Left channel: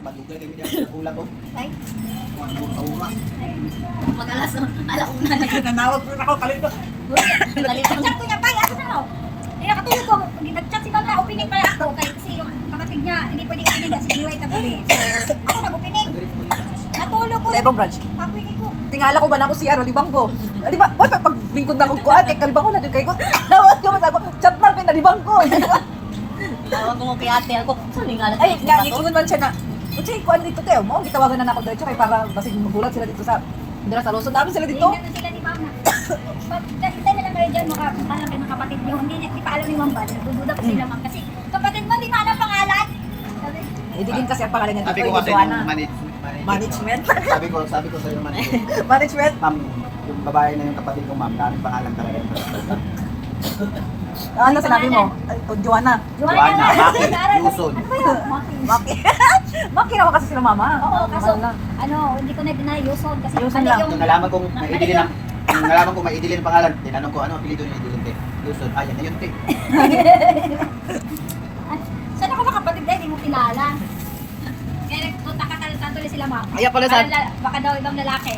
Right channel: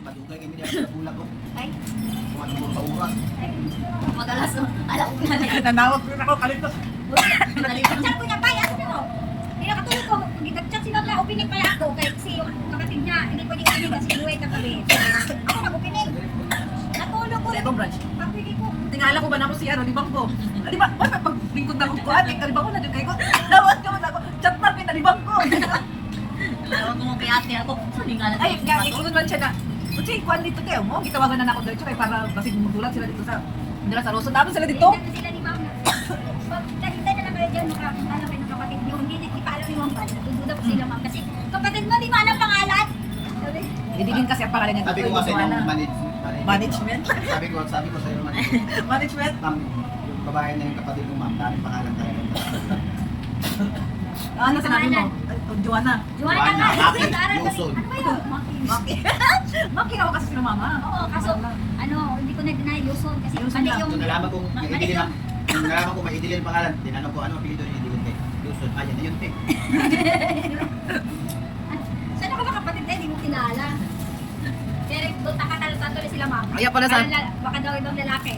Madugay kami niya sa bulag ko. Ay, Mga kaura. mag-alas, alauna na. Nanawag ko ako, kalit ko. Nag-chat ko niya, bay, ano na no? Hindi nakatulog ko. Nag-chat si Bangla, opening pa ako. Kasi yung kapatid niya, hindi pwede opening kasi giway tabi. Ako nag-opening. Natulog ko. Sa ibang branch. Pagpili ko. Tingala ko ba na ako si Aro, di bang ko? Di ba? Wala, pag lingkod na akong kuhan, kay kalibang ko na dyan kay ko. Nawat ko, mas ako, chat mark kay na di bang ko. Tawag ko mo kay ate ako. Saan nga Ay, nga, ikungon man siya na, Uchi, kuhan dito tayo mo, gitawagan na ako dito kay para basig magulat sila dito sa, dira sa Luzon. Dami sila dito. Hindi sila ni Mama. Hintay na lang kayo dyan, makapunta lang kayo ng kapatid niyo. Hindi pa alam ni Ma'am Bal. Dududa pa sila, Ma'am. Kasi kapatid mo, di mo alam pangalan. Sabi, Hindi din kasi ang pangalan niya Sabi dito, ko kasi Joanna. yung Management. Sabi ko sa yung management. Management. Ma'am, yung babae na yung kapatid ko, ma'am, daming pangalan talaga yun. Ano sinabi mo? Joanna. Joanna, Maki, Lara, Yuson. Ano ba yun? Maki. Maki. Maki naman kasi sila mama. Oo, kaso, Wala. hindi ko na-deny Yuson. Kasi Yuson lang. Nung nalaman kong may idilin ang pangalan, tinanong ko, ano ang apelido ni idilin, te? Yuson. Ah, yan na yun, te. Sana ko kapatid dahil, hindi mo kilala. Kaya punta ka tuloy sila, Ma'am. Kaya pala sa, Baka daw ibang lalaki.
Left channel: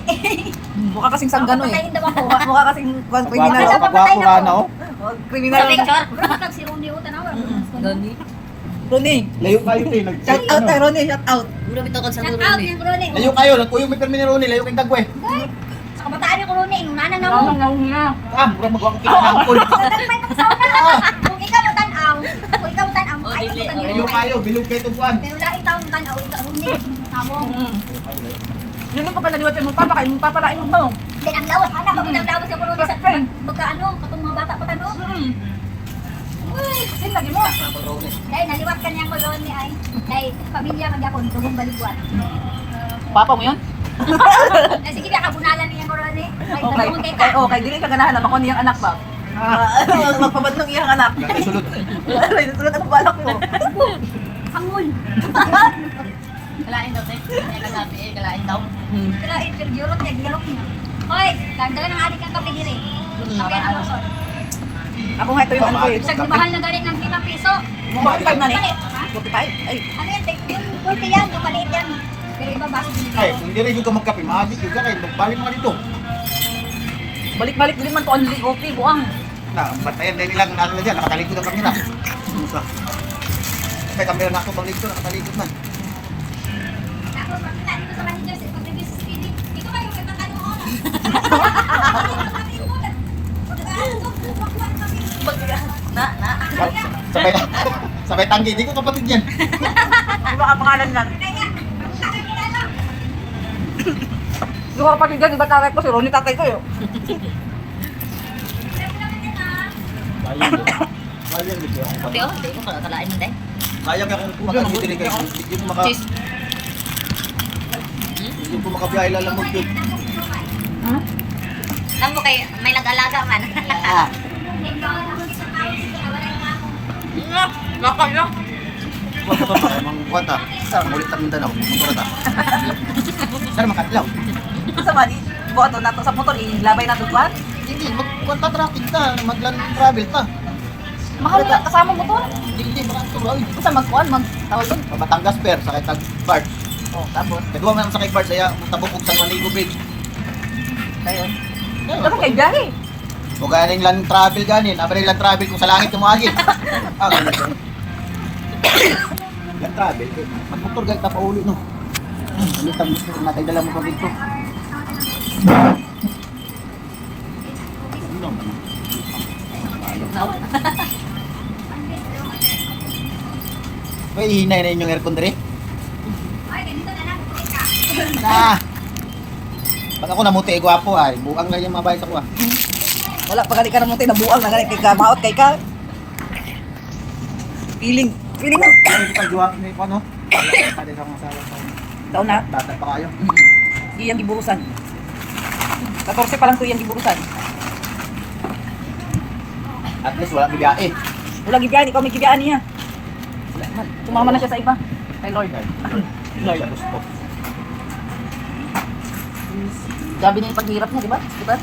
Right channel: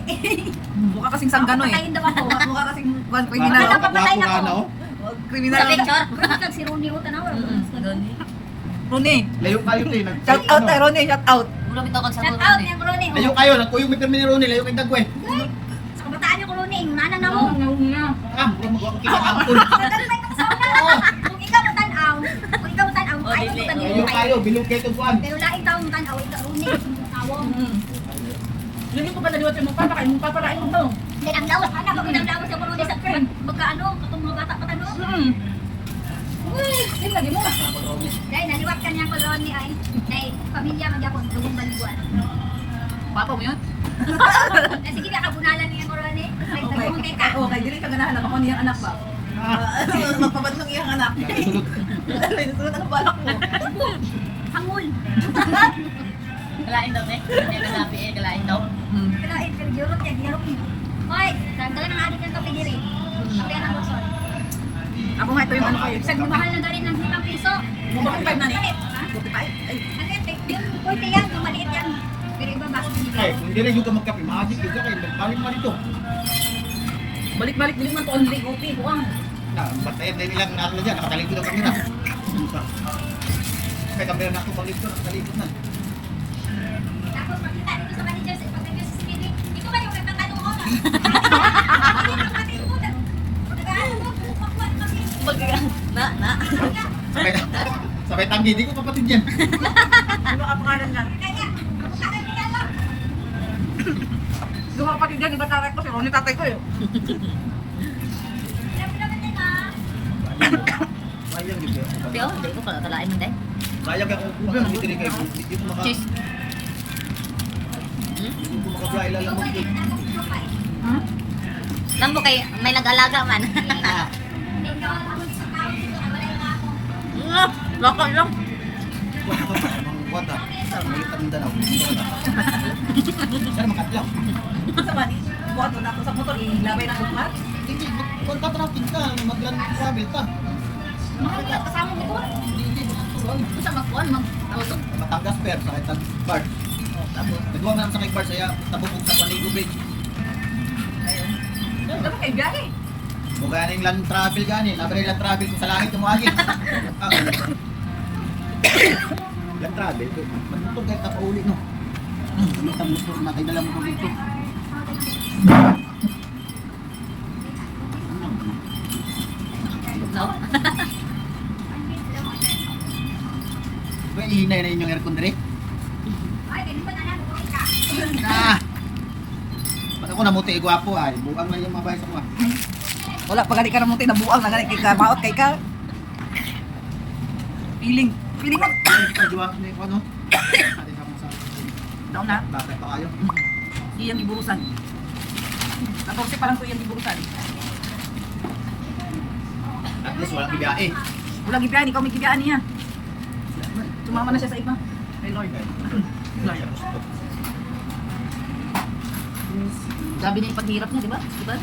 mukha kasing sanggano eh. Papatayin daw ako. Mukha kasing kriminal. Pagwapo. Pagwapo ka na, oh. Kriminal. Sa picture? Bro, kag si Rooney o tanaw. Ronnie. Layo kayo, te. Shout out kay Ronnie, shout out. Shout out niyang Rooney. Layo kayo, nagkuyong may termine ni Ronnie, layo kayong dagwe. Sa kabataan ni Rooney, inunanan na mo. na. Ah, mura magwa ko kinakangkol. Nagpay ng sauna. Kung ikaw mo tanaw, ay mo Layo kayo, bilog kayo tubuan. Pero laing taong tanaw, ikaw Rooney. Tawong. Yun ang pagkanaliwat yung papa, kayo mong papalain mo ba? Hindi, ang lawas. Anak, bakit ang lawas yung Rooney sa magkaano, katong mga bata pa tanong. Yun lagi mo. Dahil naliwat ka niyang koloni ay kay pamilya magyapon, dugong baliguan. Papa mo yan? Eh, sige, kabunalan niyang koloni. Ay, Okay. dugong kay ka. Okay, dili ka ganahan na ako niyang anak ba? Magpabadlong iyang anak. Sulod. Sulod, anong balak mo? Hangul. Kalain daw, te. Kalapi eh, kalain daw. Pero interview ro niya gihok niya. Hoy, dagdagan ng adik ng kape dire. Okay, ano so? Ako nga ito yung ano ko eh. Sa mahal na galit ng 5 piso. 45 na ni. Ha? 45? Ay, Ano yan? Yung 40 yan, yung maliit yan. Pero iba basta dito. Ay, kung hindi rin yung ka magkape, maagit yung ka kayo, nagbalik mga dito. balik-balik din man to only okay, buang. Na, batayan din nilang ano na dyan, nakatalikod ang kamera. May kamera na ako bang dito, nakatalikod man. Tapos pagkita dito sa manager, pag-review sa spirit, ito ba yung nagtatanong ko na? Na. Sabay, sabay tanggi, di ko kapatid yan. Ano ba ang pangalan lang? Yung kapatid dyan, iba tatay ko, si Ronnie tatay ko yun. Sayang din kayo. Hindi oh, hindi ko kalain hindi. Sayang ka kung makakitili kayo. Hindi ko maka... Cheese. Hindi ko makabiyahe lalamog yun. Lang mo kay may nag-alaga man. Loko yo. Huwag ka pa, mga kwanta. Mulit ang Mindanao, motor ta. Sana makatlaw. Sa mani, buhato na to sa motor, ilabay na to buwan. Hindi, magkwanta traffic ta, magland travel ta. Mahal na kasama mo to. Hindi, makatulaw. Basta magkuhan, magtawag doon. Batangas Fair, sakay tag Bart. Oh, tapos, Nagawa man sakay Bart, saya tabok og San Juanico Bridge. ayun. Dapat kay biyahe. O ganing land travel ganin, abay land travel kung sa langit yung agi. Ah, ganun. Land travel, eh. Magmotor gayta pa uli no. Lutang motor natin dala mo pa dito. Ano naman? May ihinay na inyong aircon dire? Na. Pag ako namuti, gwapo ay. Buang lang yung mabait ako ah. Wala, pag ka naman tayo nabuang, na kay ka, maot kay ka. Feeling mo. Ano yung pagjuwa na yung ano? Kade sa mga sala. Taon na, Datag pa kayo. iyang giburusan. 14 pa lang to iyang giburusan. At least walang ibiyahe. Wala gibiyahan, ikaw may gibiyaan niya. Tumama na siya sa iba. Kay Lord. Lord. Gusto. Gabi niya yung paghirap niya, di ba? Diba?